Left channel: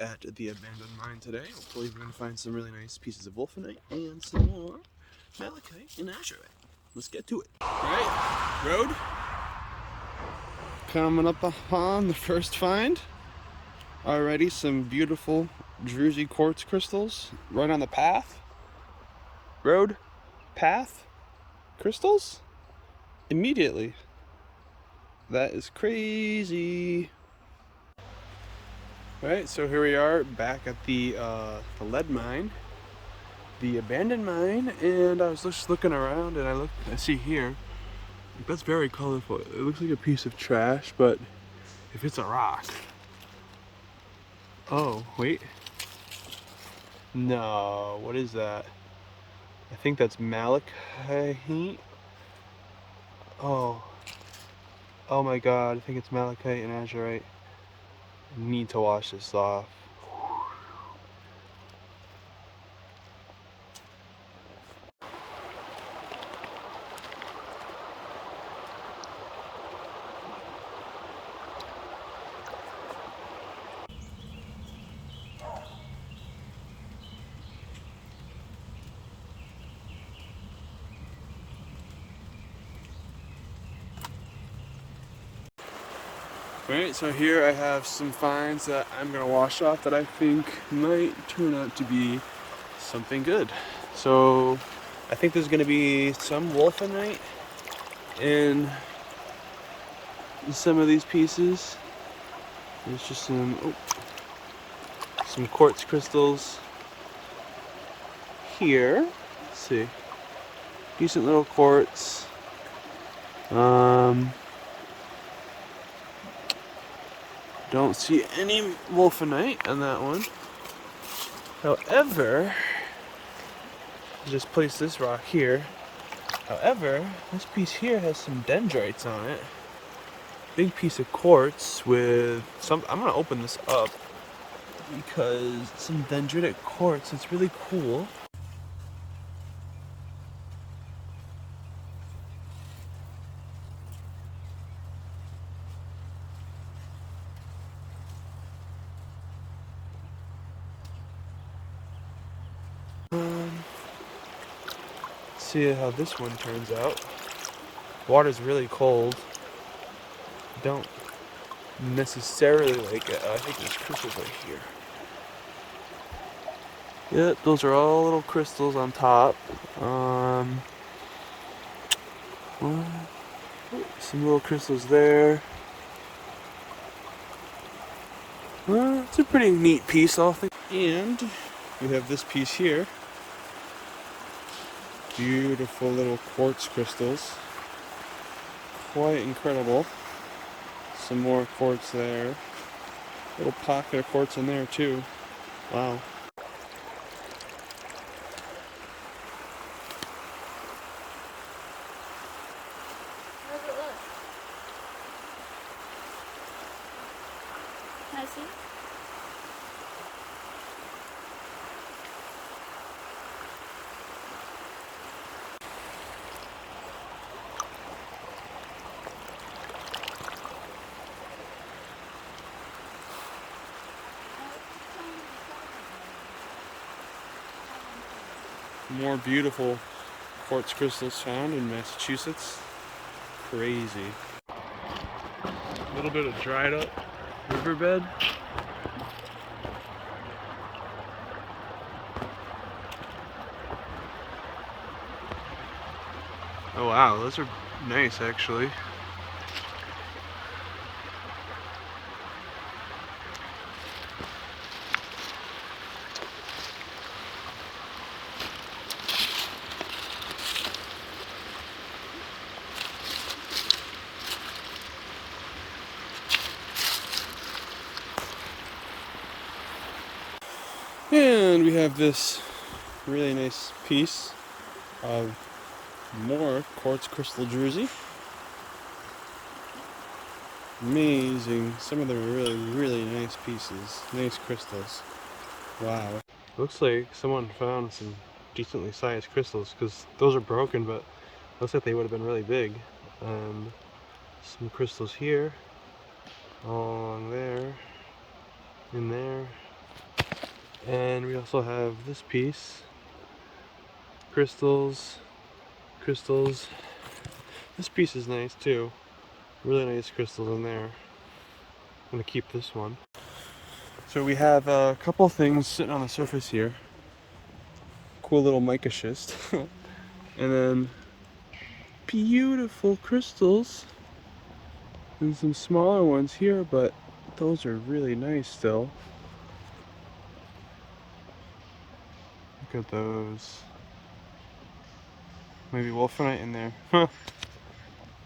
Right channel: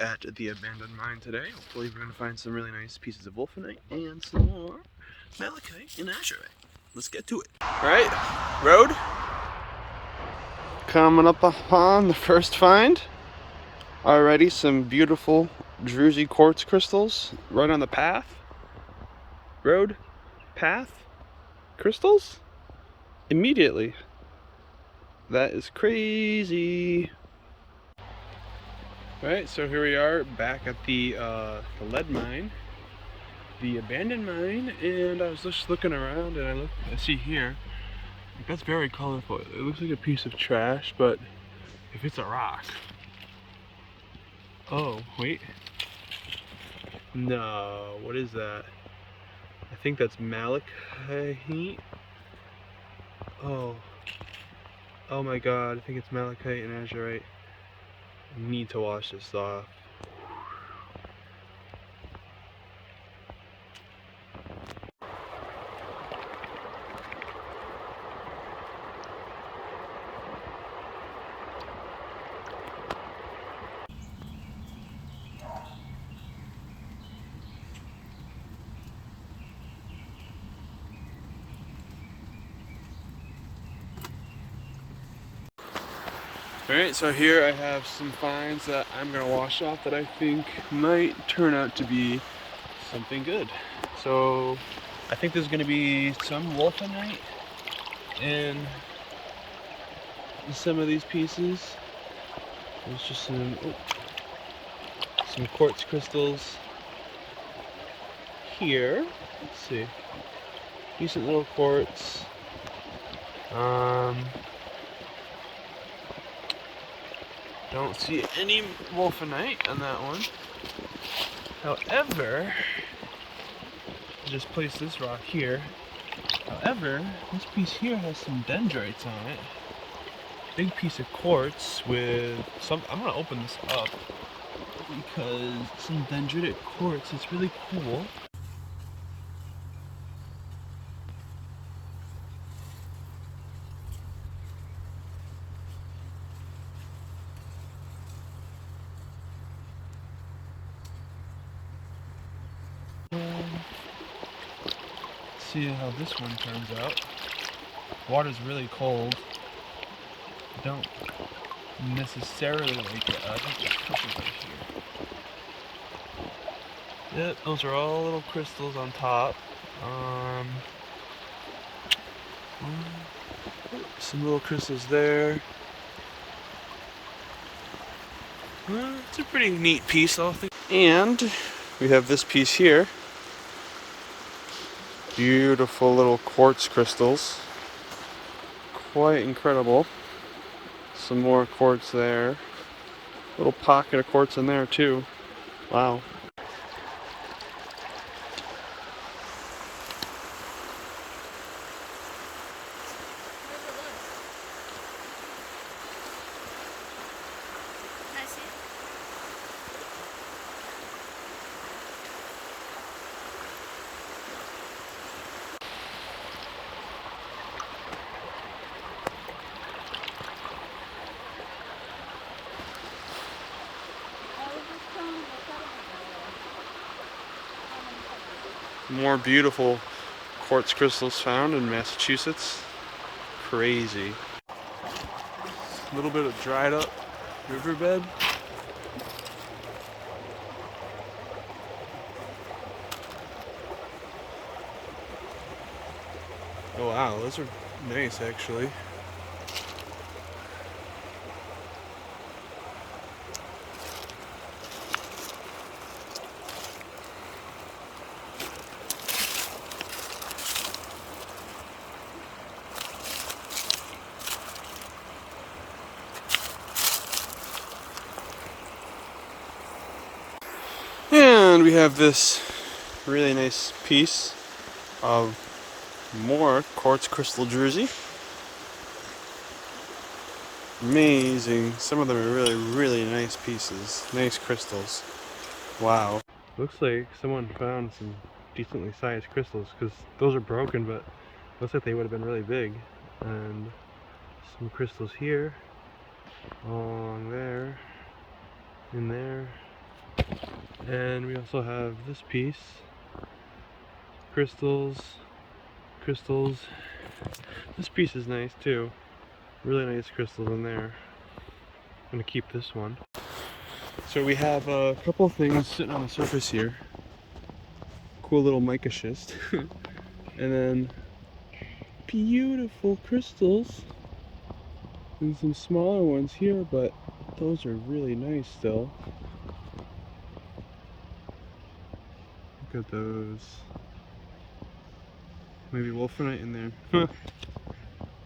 at the abandoned mine today. Hopefully we're going to find some really nice pieces of wolfenite and some more malachite and azurite. Let's get to it. Alright, road. Coming up upon the first find. Already some beautiful druzy quartz crystals right on the path. Road, path, crystals? Immediately. That is crazy. Alright, so here we are back at the lead mine, the abandoned mine, and I was just looking around and I see here, like, that's very colorful. It looks like a piece of trash, but if it's a rock. Oh, wait. No, what is that? I think that's malachite. Oh. Oh my god, I think it's malachite and azurite. I need to wash this off. Alright, so here I have some finds that I'm going to wash off that I think might turn out to be something good. So I think there's going to be some wolfenite in some of these pieces. There's just some quartz crystals here. Let's see. Decent little quartz. Don't see any wolfenite on that one. However, I'll just place this rock here. However, this piece here has some dendrites on it. Big piece of quartz with some. I'm gonna open this up because some dendritic quartz. It's really cool. See how this one turns out. Water's really cold. Don't necessarily like it. I think there's crystals right here. Yep, those are all little crystals on top. Some little crystals there. Well, it's a pretty neat piece, I think. And we have this piece here. Beautiful little quartz crystals. Quite incredible. Some more quartz there. Little pocket of quartz in there too. Wow. Can I see? More beautiful quartz crystals found in Massachusetts. Crazy. A little bit of dried up riverbed. Oh wow, those are nice actually. And we have this really nice piece of more quartz crystal druzy. Amazing. Some of them are really, really nice pieces. Nice crystals. Wow. Looks like someone found some decently sized crystals because those are broken, but looks like they would have been really big. And some crystals here, along there, in there. And we also have this piece. Crystals. Crystals. This piece is nice too. Really nice crystals in there. I'm gonna keep this one. So we have a couple things sitting on the surface here. Cool little mica schist. And then beautiful crystals. And some smaller ones here, but those are really nice still. Look at those. Maybe wolfenite in there.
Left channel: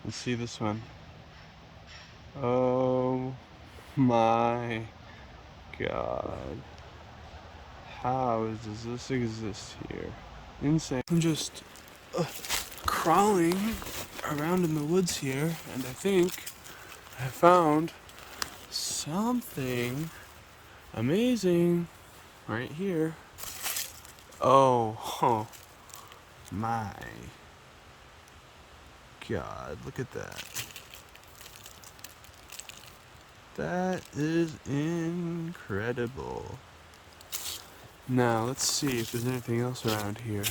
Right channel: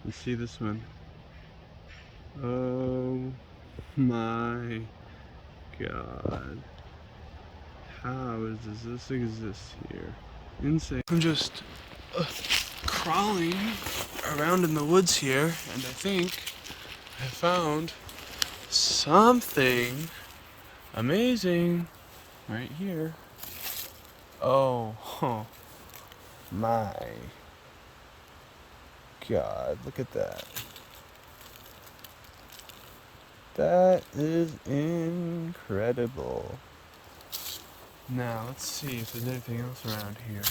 Let's see this one. Oh my god. How does this exist here? Insane. I'm just crawling around in the woods here, and I think I found something amazing right here. Oh my god, look at that. That is incredible. Now let's see if there's anything else around here.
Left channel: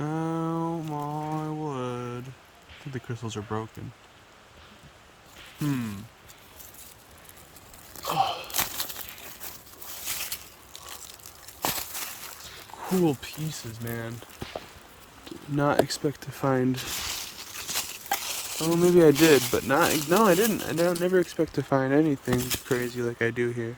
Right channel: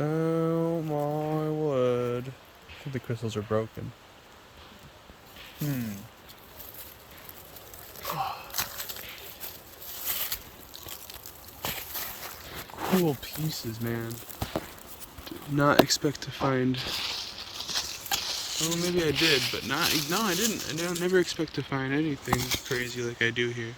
Oh my word. I think the crystals are broken. Cool pieces, man. Did not expect to find. Oh, maybe I did, but no, I didn't. I don't never expect to find anything crazy like I do here.